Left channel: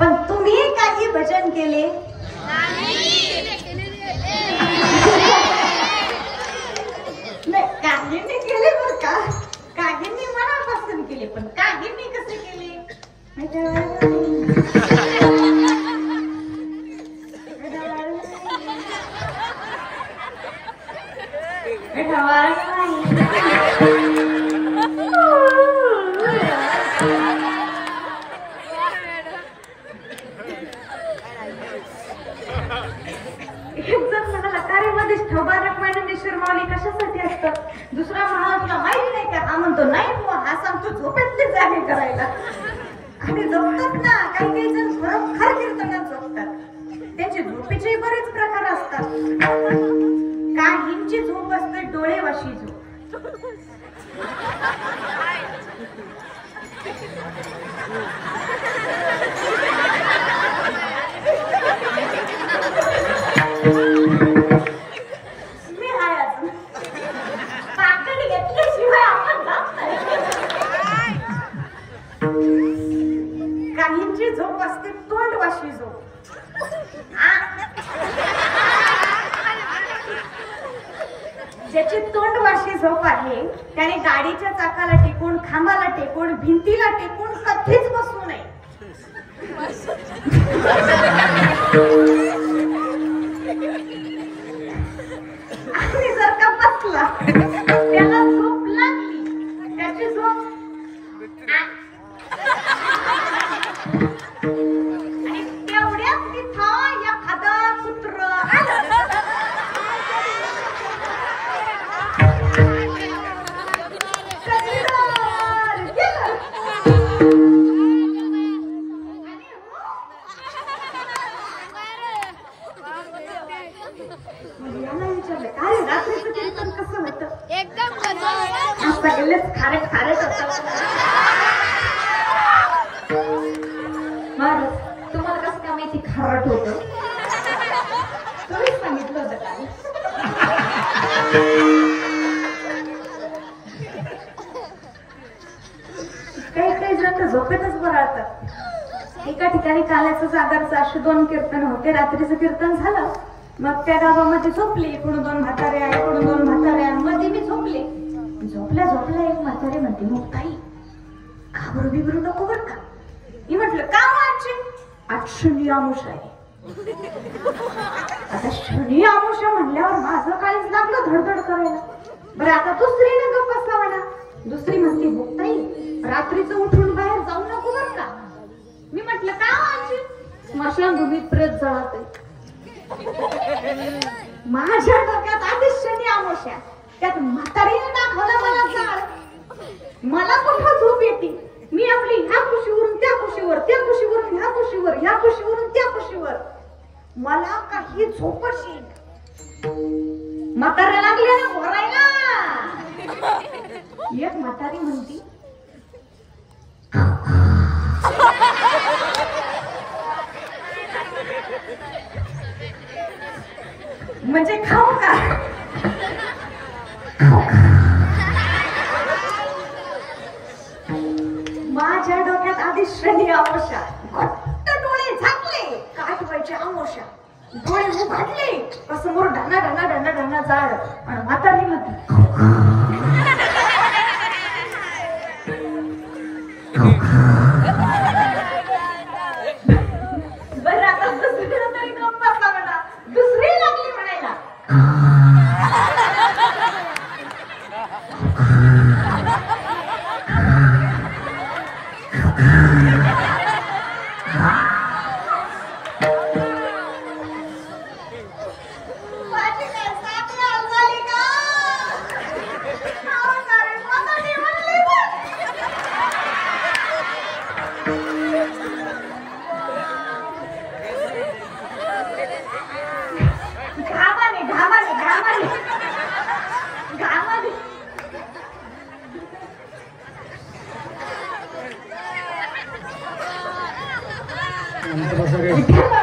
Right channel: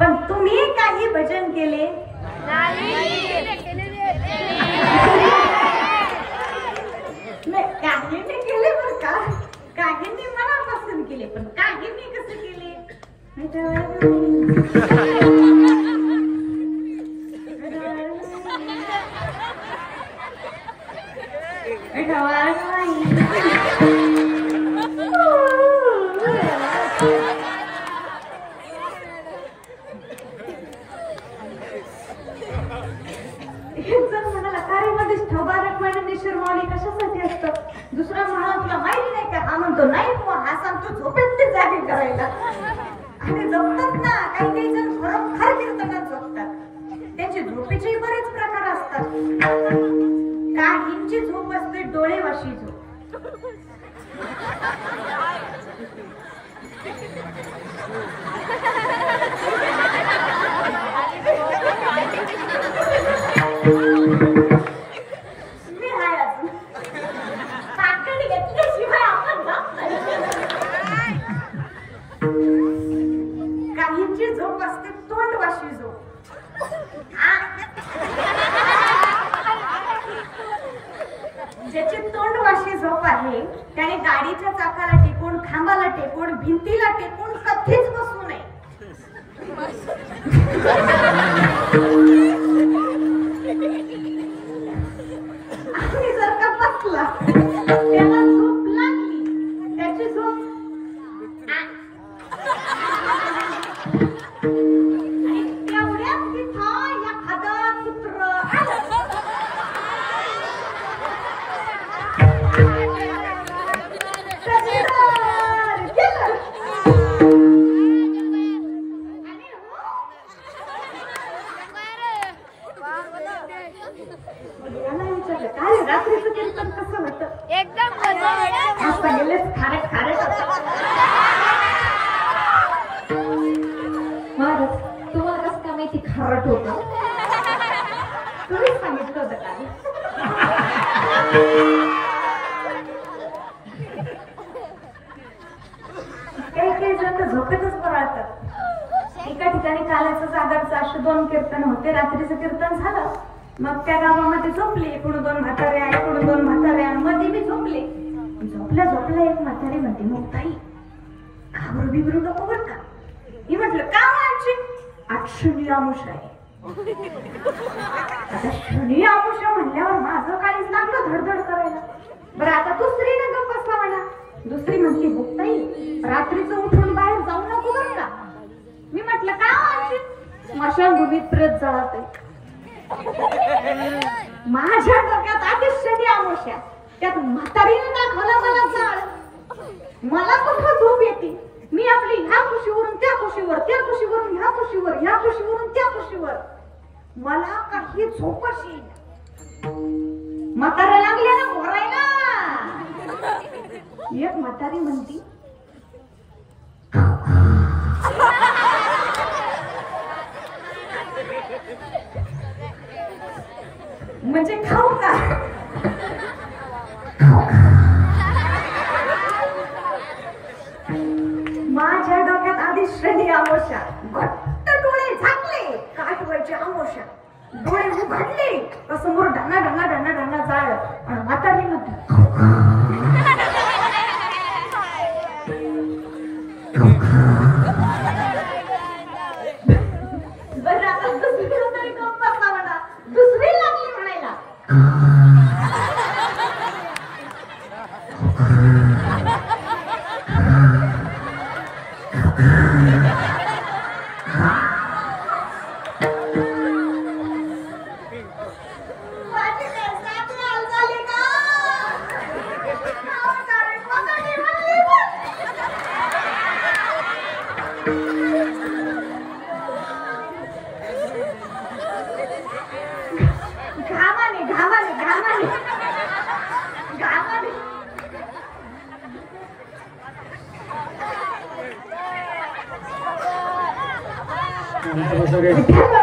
पण तुम्ही काही भजन केले नाही? काहींनी केले बर का, काहींनी मनापासून केले, पण काहींनी कसे केले दुसरा म्हणाला तुला माहित नाही का? हा म्हणतो नाही बुवा, हा सांगतो झोपेत जागे करायला. आणि जपतात ना, काही काही जण खरोखर कीर्तनात झोपतात. त्यांचे झोपेचे बरेच प्रकार असतात. काहींची झोप असते डोळेवाशी झोप. काहींची झोप असते तोंडवाशी झोप. ज्याची तोंडवाशी झोप आहे त्याने गाडीच्या चाकाला टेकून, खांबाला टेकून, भिंतीला टेकून कधीच बसू नये. आणि जर का बसला त्याला झोप लागली, त्याची झोप आणि तेवढ्याच तिथं एखादा कुत्र रात्रीचं कीर्तन कसं होतं? पहिलेच खारट खारट होतं. तुम्हाला कसं का माहिती खारट होतं? तुम्ही सांगितलं होतं का? काही काही जण झोपेतच बराळतात. एका ठिकाणी काल्याचं सागरचं अशी 2 कीर्तन होते. रात्रीचं कीर्तन झालं, मग त्या गावामध्ये झोपली. इकडून 2 म्हातारे, इकडून 2 म्हातारे, मध्ये मी झोपले. झोपल्या झोपल्या एक म्हातारे म्हणते, मग ताई घाबरू बिबरू नको बर का. मी म्हटलं का आजची? आज शनी आमुषा आहे. आता शनी आमुषा म्हणल्यावर माझं काहीच लागलं धडधड करायला. बरं आता दुसरीने गप्प बसला म्हणा. दुसरी म्हणते, हो ताई रात्रीचं उठून बाहेर जाऊ नको बर का. मी म्हटलं का आजची? स्मशानभूमीत प्रेत जळत आहे. माझ्या डोक्यात आधीच शनी आमुषा, त्यात म्हातारीने दाखवलं मला जाळ. मला कुठं झोप येते? मी आपली ह्या कुशीवरून त्या कुशीवर, त्या कुशीवरून ह्या कुशीवर, ह्या कुशीवरून त्या कुशीवर. मला काही झोपच येईल. म्हाताऱ्या लागल्या ना भरायला. एक म्हातारी म्हणती, म्हणजे खाऊ का? माझ्या डोक्यात आधी शनी आमुषा. घट्ट डोळे झाकले, काठ व्हायचे आमुषा. डोळे उघडले का समोर ढाना ढाना ढाना ढाना जाळ. आणि म्हातारी म्हणते, बरं आता दुसरी तरी गप्प बसला म्हणा. दुसरी लागली म्हणायला, Vital.